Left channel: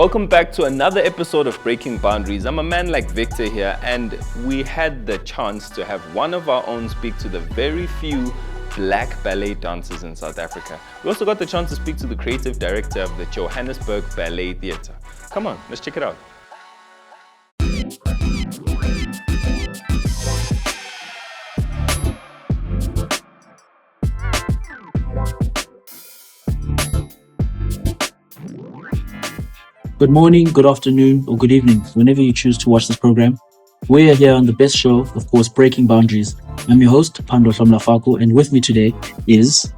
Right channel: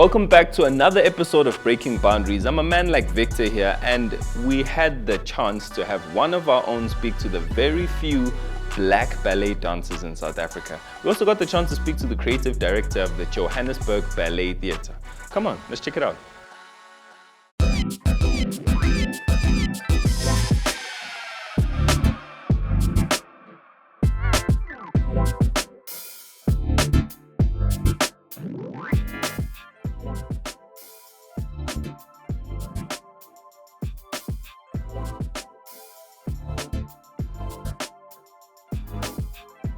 Welcome back to another episode of Breaking Boundaries. I'm a man like Victor here, and we had the chance to have one of our own speak to the very few black ballet dancers in South Africa. We also got the chance to speak to the creative director of the Johannesburg Ballet Theatre. Come on, let's check it out. Good morning, good afternoon, or good evening, whenever you choose to watch this program. We are here on the best show, of course, Breaking Boundaries. I'm your host, Thando Mgobhozi, and with me today is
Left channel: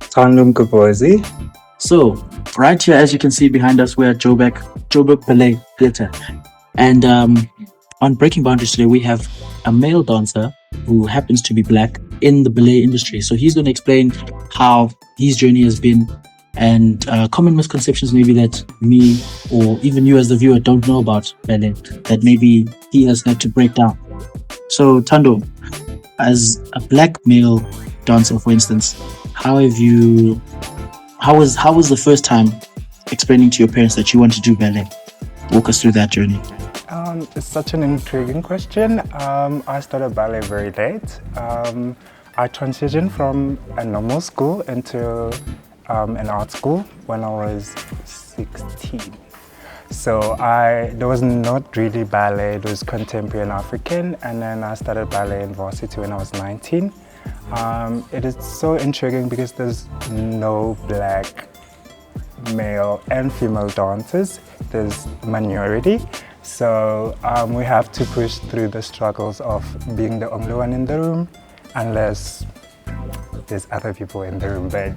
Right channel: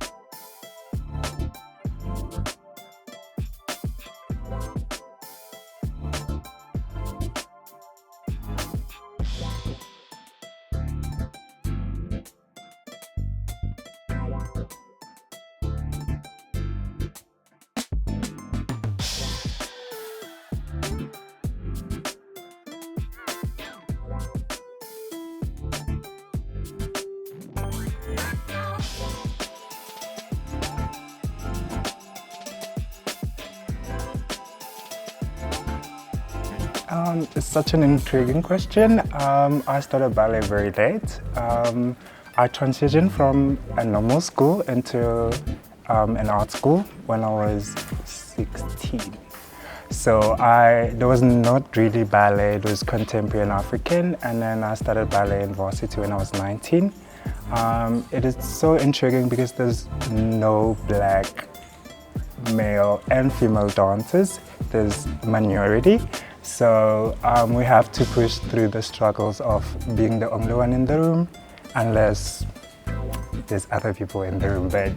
Thando Mgobhozi. So, right here, as you can see behind us, we're at Joburg Ballet Theatre. And on Breaking Boundaries today, we have a male dancer who happens to be black in the ballet industry. So he's going to explain how his journey has been and common misconceptions maybe that me or even you as the viewer don't know about ballet that maybe he has had to break down. So Thando, as a black male dancer, for instance, how was the first time explaining to your parents that you want to do ballet? Walk us through that journey. It's such an intriguing question. I started ballet very late. I transitioned from a normal school into an art school when I was 16. So there was not really ballet, it was contemporary and African, and then I started ballet in varsity when I was 19. It is so intriguing because there's no black male and female dancers, there's minority. So we have to push through the struggles of being the only one in the room, unless there's other people in the room. But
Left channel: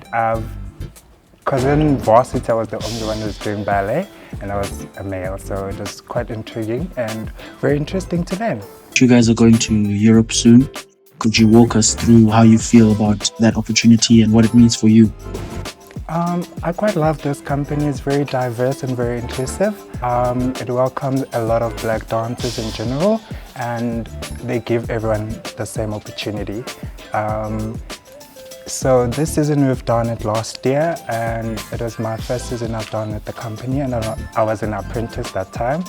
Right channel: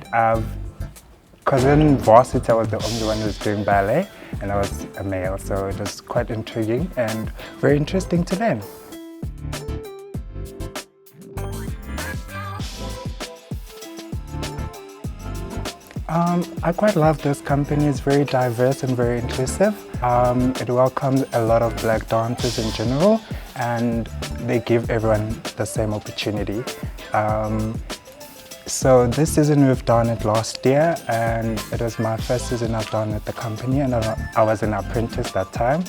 because in varsity I was the only one who was doing ballet and I was a male, so it was quite intriguing and very interesting to learn. You guys are going to Europe soon. Could you walk us through how you feel about that opportunity and what it means for you? I quite love this company. It's very diverse and very inclusive. It welcomes a lot of black dancers in general, and they give everyone the same opportunity. So this season we've done it last year, and it was my first season I've done with the company, and I was an apprentice that time.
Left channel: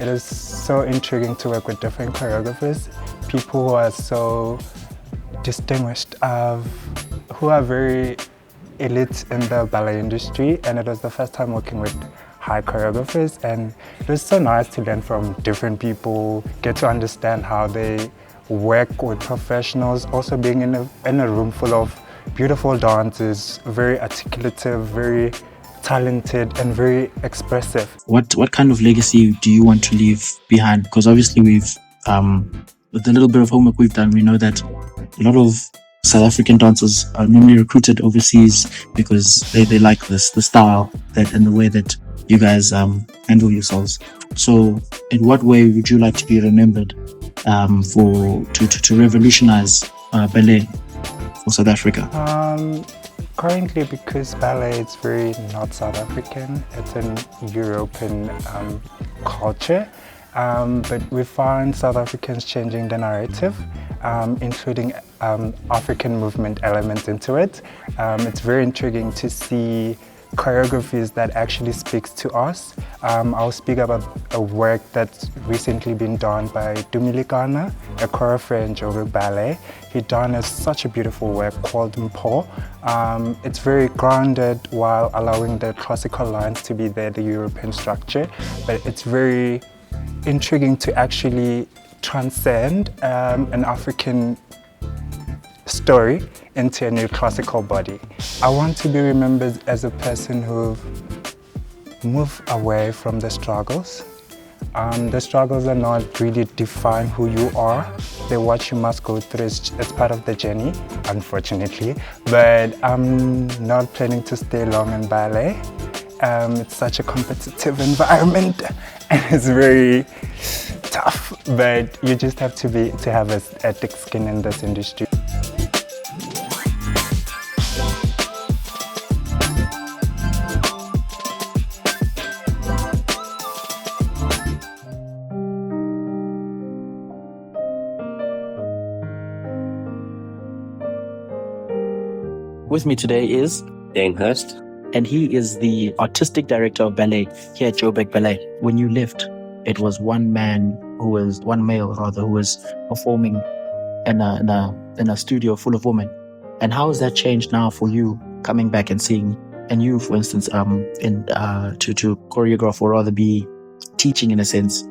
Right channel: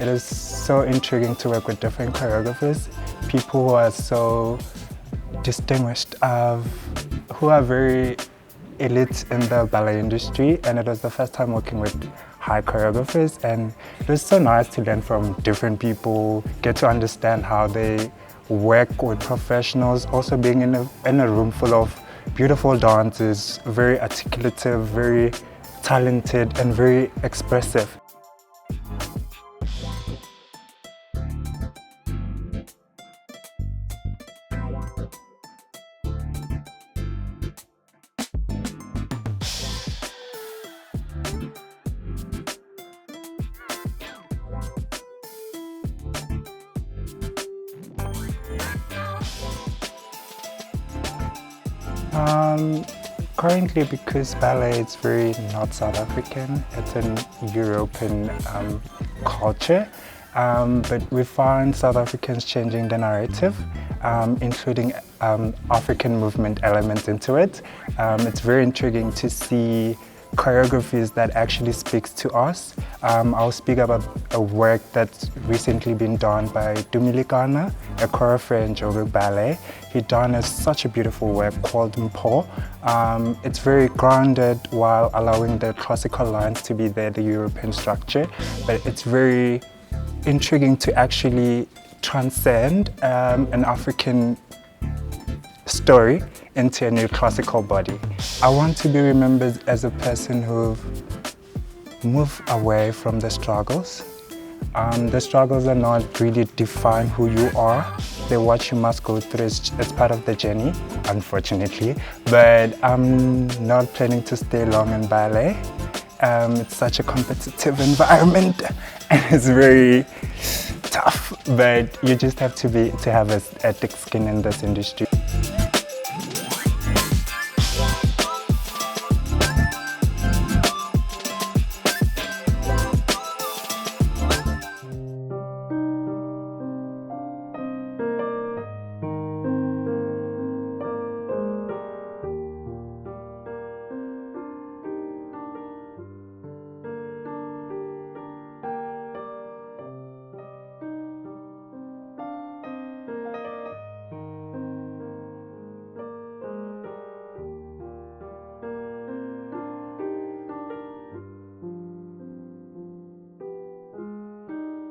It is so intriguing to work with different choreographers, people who are so distinguished, who are very elite in the ballet industry, and it was the first time working with high choreographers, and it was so nice to learn from different people, get to understand how they work with professionals, also being in a room full of beautiful dancers, very articulative, very talented and very expressive. What kind of legacy do you want to leave behind? Because obviously we've, with the little bit of homework we've done, we know that a lot of South African dancers are normally recruited overseas because they like the style and the way that you guys handle yourselves. So in what way would you like to be remembered to revolutionize ballet for South Africa? Currently, because ballet is very not South African, it's an European culture. But we find South Africans changing the narrative, including African movement elements into it. It's very intriguing to see choreographies that actually speaks to us. I'll speak about a work that's recently been done by Dumilikana, a choreographer in Joburg Ballet. He done such a beautiful work called Mpo. It's very grounded while allowing the classical lines to be there, the European structure, but it's very intriguing to actually transcend an African story into a new classical body. I want to be remembered as a person who moved away from the struggles. The struggles are not really define who you are. They're what you must go through. It's part of the journey, unfortunately. But I'm not planning to stay long in ballet. It's such a competitive environment and it's very tough, but you just have to have a thick skin in this industry. With me today is Dane Hurst. and he is the artistic director of ballet here at Joburg Ballet. When you left, it was one male rather, who was performing in a studio full of women. And how has that changed now for you coming back and seeing, and you, for instance, to choreograph or rather be teaching in a sense,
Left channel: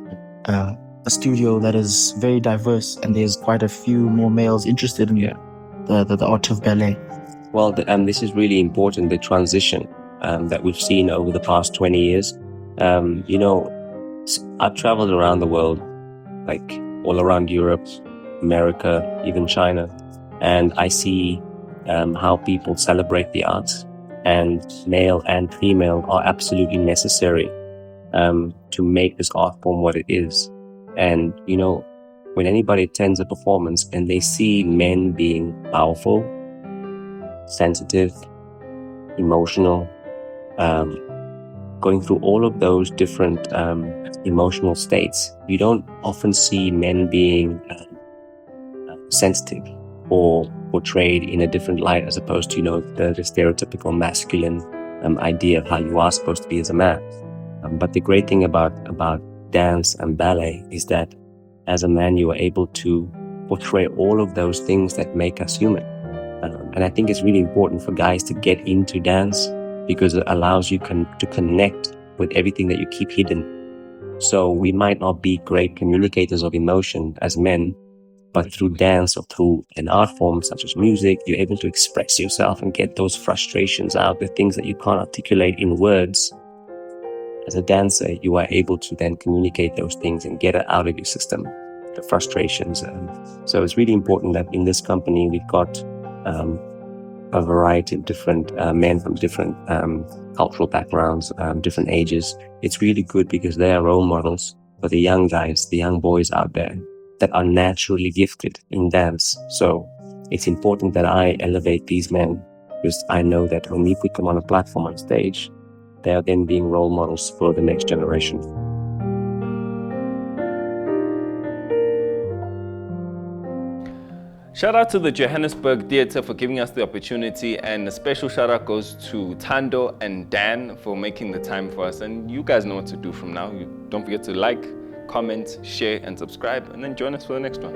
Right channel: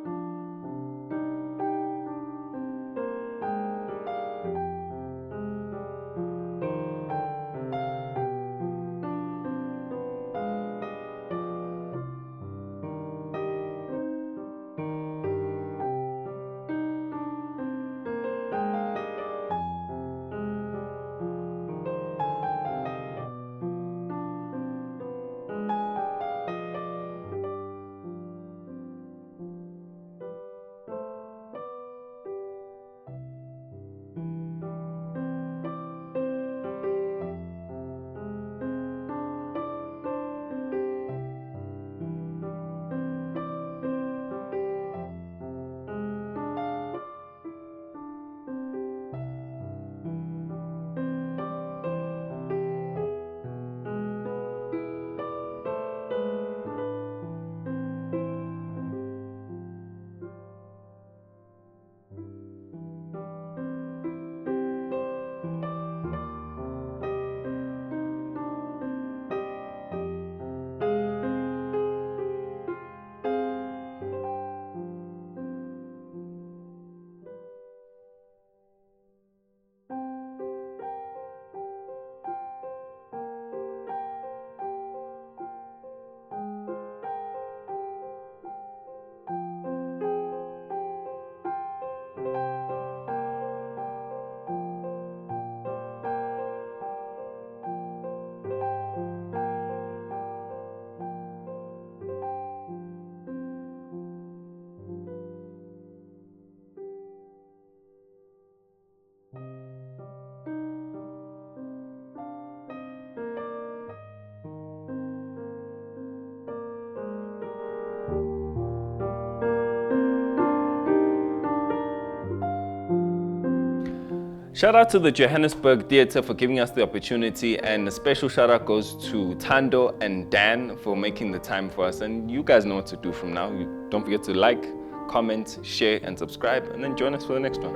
a studio that is very diverse and there's quite a few more males interested in the art of ballet? Well, this is really important, the transition that we've seen over the past 20 years. I've traveled around the world, like all around Europe, America, even China, and I see how people celebrate the arts, and male and female are absolutely necessary to make this art form what it is. And, when anybody attends a performance and they see men being powerful, sensitive, emotional, going through all of those different emotional states, you don't often see men being sensitive or portrayed in a different light as opposed to, the stereotypical masculine idea of how you are supposed to be as a man. But the great thing about dance and ballet is that as a man, you are able to portray all of those things that make us human. And I think it's really important for guys to get into dance because it allows you to connect with everything that you keep hidden. So we might not be great communicators of emotion as men, but through dance or through an art form such as music, you're able to express yourself and get those frustrations out, the things that you can't articulate in words. As a dancer, you are able to then communicate those things and get it out of your system, the frustrations. So it's really important that in this company, we've got a variety of different men from different cultural backgrounds, different ages. It's really good because they are role models for the young guys, the young boys out there that are naturally gifted in dance. So it's important that I elevate these men because I know that when we put them on a platform on stage, they are then being role models for the next generation. Shout out to the Johannesburg Theatre for giving us the opportunity, and a special shout out goes to Thando and Dan for making the time for us. And you guys know what to do from now. Don't forget to like, comment, share, and subscribe, and then join us for the next one.